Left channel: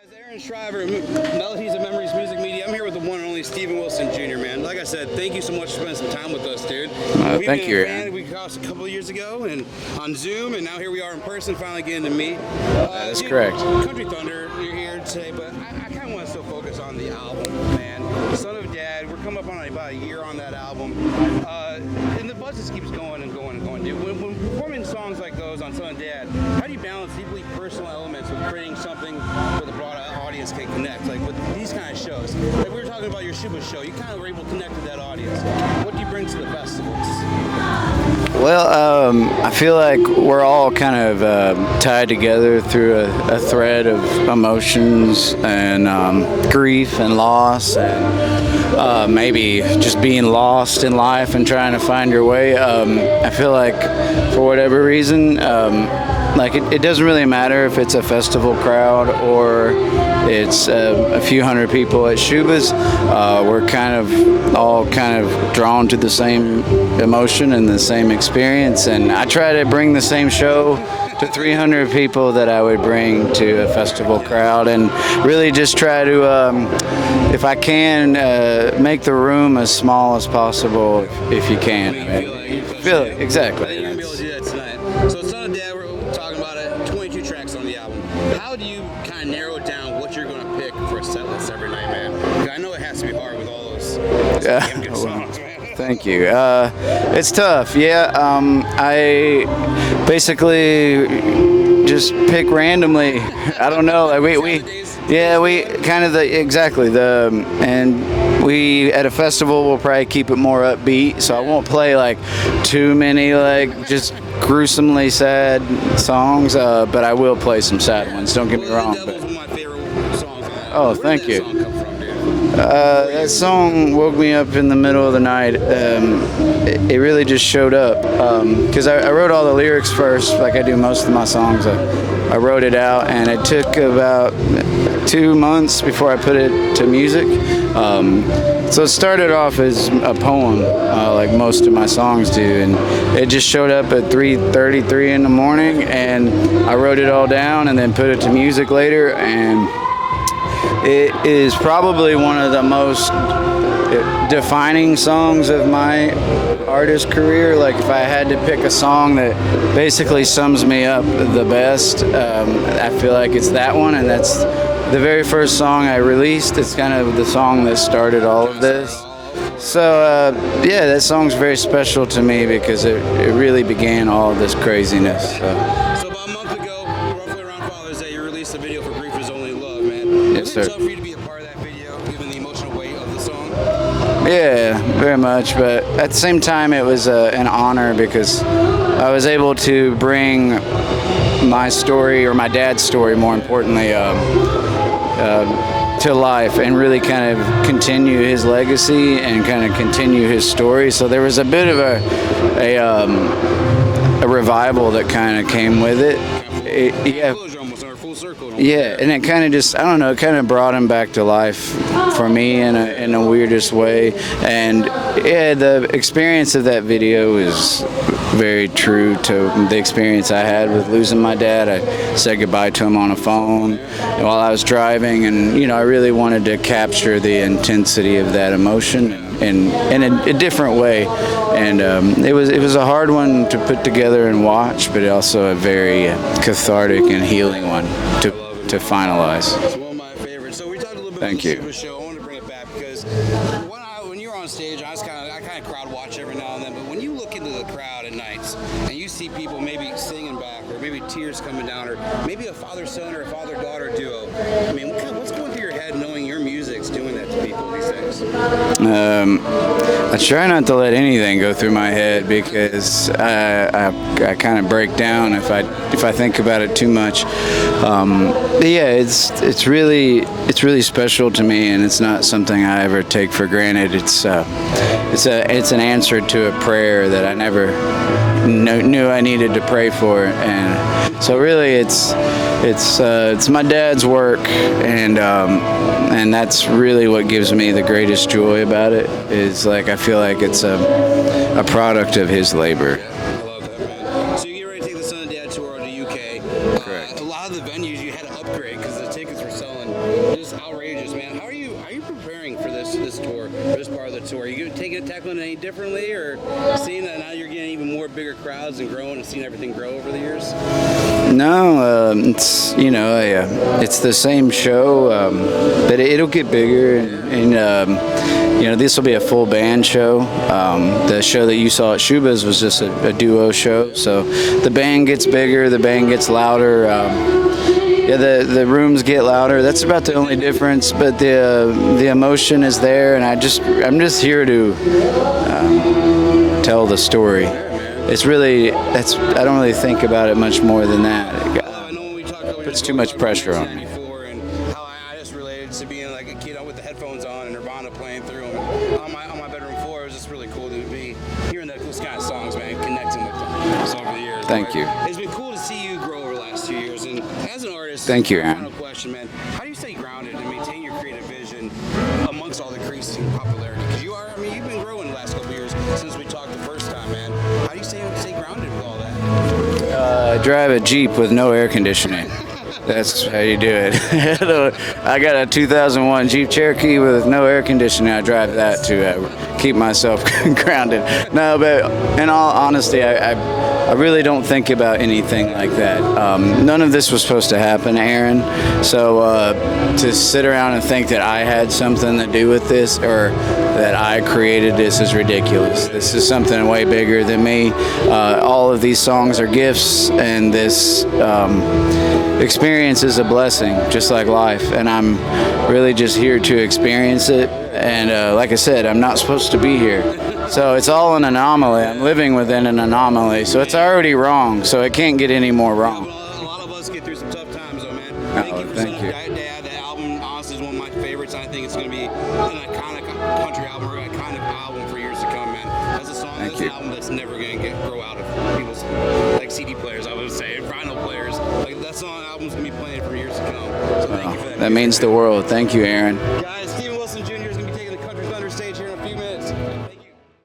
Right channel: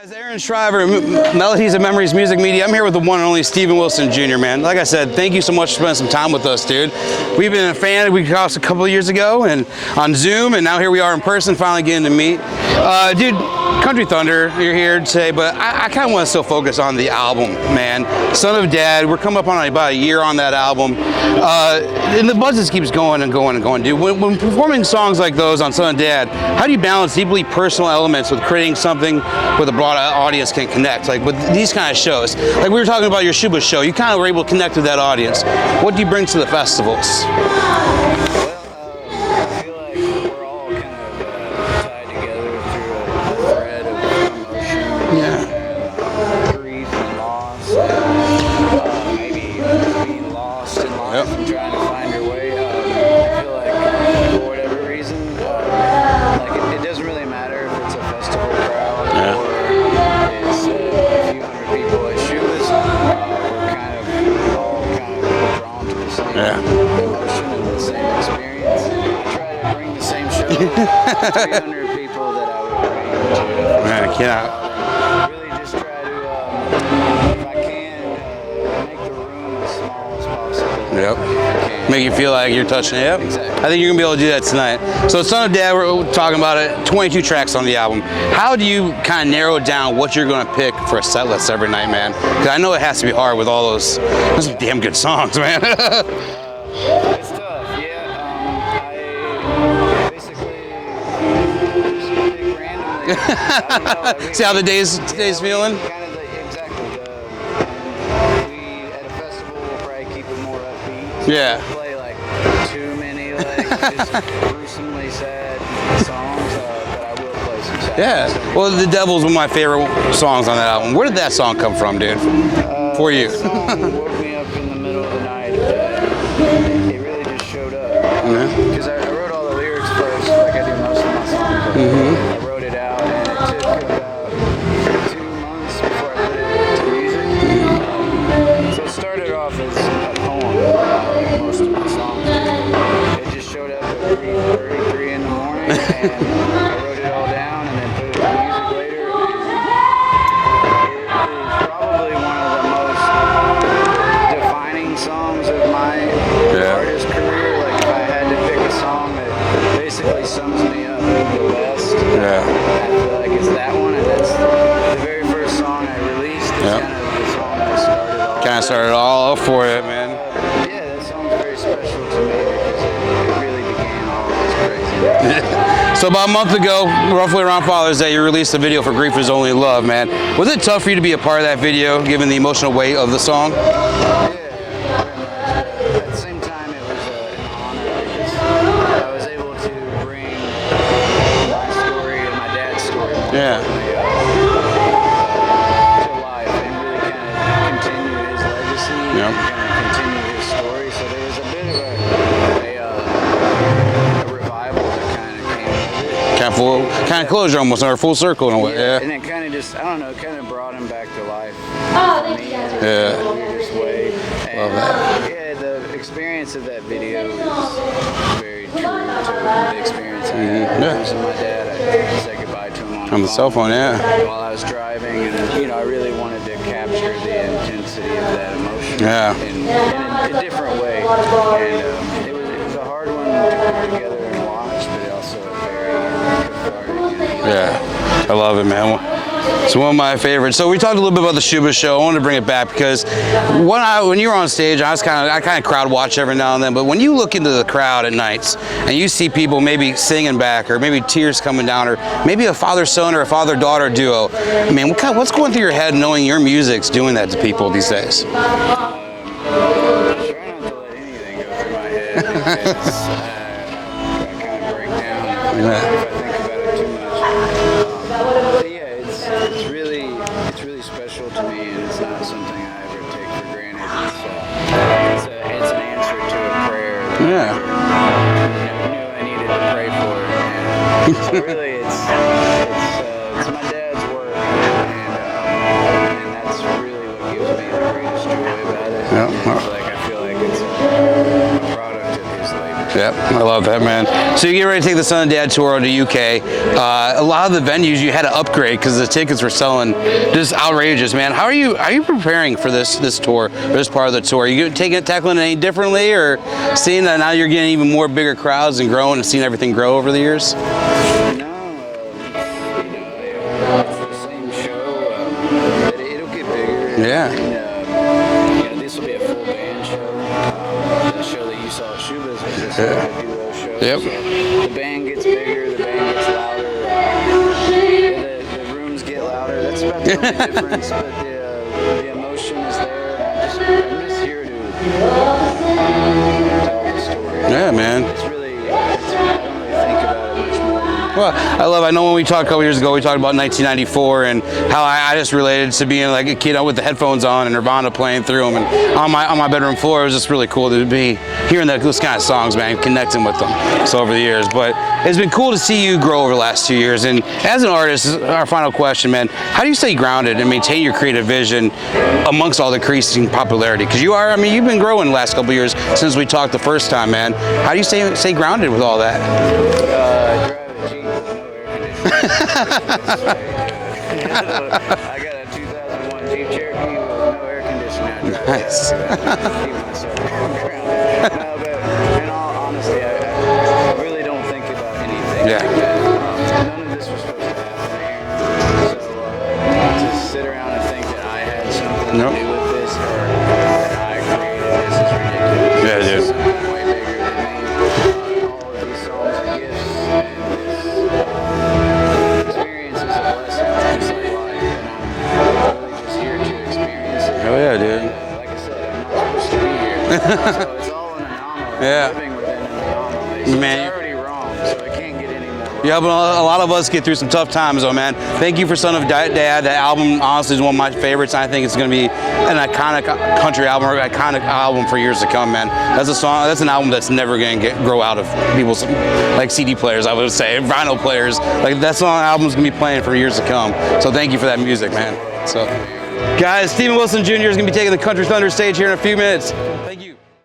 Guys, Aaron Shriver, Melodies and Memories Music Media. I'm here with the one and only Steven Wilson Jr., man. Like I said, thank you so much for spending some time with us, dude. We've been a fan. We crossed a couple of years ago and on Zoom, and now here we are in person, finally getting to meet. Dude, correct. Country Thunder, you're here today, but I kind of want to still focus on the album, man. Son of Dad, we're coming up on about a year on that album. And the buzz just keeps going and going and going, dude. When performing songs like those on Son of Dad, how do you balance deeply personal elements with creating something with a broad audience can connect? Like with these kind of shows, like we were talking about your Shuba show, you kind of were able to connect with that audience. What do you bring to the festivals? Well, I feel like we're all kind of tied together through a thread of emotions and grief and loss, and maybe just being lost in life and trying to find your way. I feel like for whatever reason, like it doesn't really matter if it's a festival crowd or it's a few hundred people at Shuba's. We're kind of all drawn to the same emotion and the same experience, and I try to bring the same show to 300 people that I would bring to a festival crowd, and really just try to, if I can, make the room as small as possible if you can. Make you feel like you're touching it. Exactly. I think you're gonna be able to do that tonight. So Son of Dad, we're talking about it, 22 tracks on the album. How do you kind of narrow down what you're gonna pick for a set list every night, man? Because I know it has to be hard with all those damn good songs, man. Thank you. It's tough. Yeah. I basically just pick randomly. I don't know. Like See how the days feeling? Kind of and we at a festival we'll probably keep it more upbeat, so I won't play like too many like just gruesomely sad songs, but I will play some sad ones. Don't get me wrong. The Devil's one of my favorite songs on that album. Where did that song come from, dude? For you? That song woke me up in the middle of the night. It really just showed up because I wrote all the lyrics first, like I do most of my songs. I wrote it out, and it took about 2 months before I put it to music. So it started off as a poem, like most of my songs do, and it just showed up at 3:33 in the morning, and I wrote it all down and then put it to music later, and it is probably one of the most defining songs of my artist career. Like if I had to pick a song that basically sums me up the best, I feel like it's that one, and that's the very first song I released. It's kind of the song that started all of this. Started all for you. So yeah, that song's very special to me because it really began all of this craziness. So about a month ago, roughly around Father's Day, you released a video for Grief Is Only Love, man. Was it tough for you to be a part of that video, given the emotional weight of the song? Yeah, very much, but at the same time it was an honor because I was able to bring my story, or my dad's story more importantly, to life and really kind of continue his legacy and kind of continue his story. So there was a bit of a revival that kind of came with it. Kind of closure almost, or full circle in a way. Yeah, and it kind of just, I don't know, it kind of brought him back to life for me in a weirdest way. And yeah, the experience of that video is very true to the experience I had with losing my dad. I said goodbye to him on the phone while I was driving, and I really wanted to capture the intensity of that emotion in a different way. And it was a hard one to put together and watch, but also a very cathartic and healing one to, I love it, man. To finalize. It's one of my favorites. So we talked a little bit about the Shuba show. I wanted to bring it back because when you were on stage, I kind of crowd watch every now and then, but when you look into the crowd at nights and you see people maybe singing back, or maybe tears coming down, or maybe a father-son or a father-daughter duo, I mean, what's going through your head knowing your music's doing that to people these days? I try not to let anything go through my head because I kind of break down if I think about it too much. Yeah, it's really special to me, and it's not something I ever take for granted. It's an answer to a prayer that I never knew I needed to pray for, and So really, it's my dad's work, and that's really what gives me the greatest joy about it. It's like I feel like it's a product of his labor. Yep, I love that, man. So you get ready to take the Son of Dad tour on the UK. A lot of the venues you had to upgrade because the tickets were selling just outrageous, man. How are you preparing for this tour, or this part of the tour? Are you tackling it any differently, or seeing that now you're getting even more bigger crowds and growing and seeing everything grow over the years? No, it's it's the same show, but it'll get bigger. And this will be a full band show. The show that you saw at Shuba's was just a duo show. Yep. So the band gets bigger, the band gets louder. The rooms get louder. That's about the only difference. But the emotion is there, and I'm just here to tell the story. Yeah, man. I don't really think about it much more than that. Well, I know when we talked a couple years ago, we talked about pressure. 1994 and how I just related to being like a kid with the headphones on and Nirvana playing through them, and on my bedroom floor. It was just really cool to be hearing those kind of songs, man, connecting with them. So over the years, Thank you. It's been cool to see you grow over the last 2 years. And as an artist, Thank you, our man. final question, man, how do you stay grounded and maintain your creative vision amongst all the increasing popularity? Because you've been growing the last couple of years since we talked the first time, man. How do you stay grounded with all that? Drive a Jeep with no air conditioning. That's how you do it. I got a 2001 Jeep Cherokee with no air conditioning. I drive that to keep myself grounded. No, but in all honesty, I really don't think about anything like that. None of this was supposed to happen, Aaron. So to sit around and think that I had something to do with this, or that I created this, is ridiculous. This is something way bigger than me. All of these songs are gifts, and this experience is a blessing, just like life. And I'm really just here to experience it. And like I said, I'm not supposed to be here. So it's all an anomaly. I'm living within an anomaly. So it's already wrong. So it can't get any more wrong. Yeah, but a lot of us get through some tough times, though, man. Thank you for Son of Dad. That album, honestly, is one of my favorites. I think it's going to be an iconic country album, or iconic album for years to come, man. That's a song. That's an album that's never going to grow out of people's like CD players, I would say, vinyl players. Like that song album's going to be playing for years to come. So thank you for that music, That means man. the world. Thank you, Aaron. Guys, Steven Wilson Jr. is going to be taking the Country Thunder stage here in a few minutes. Thank you.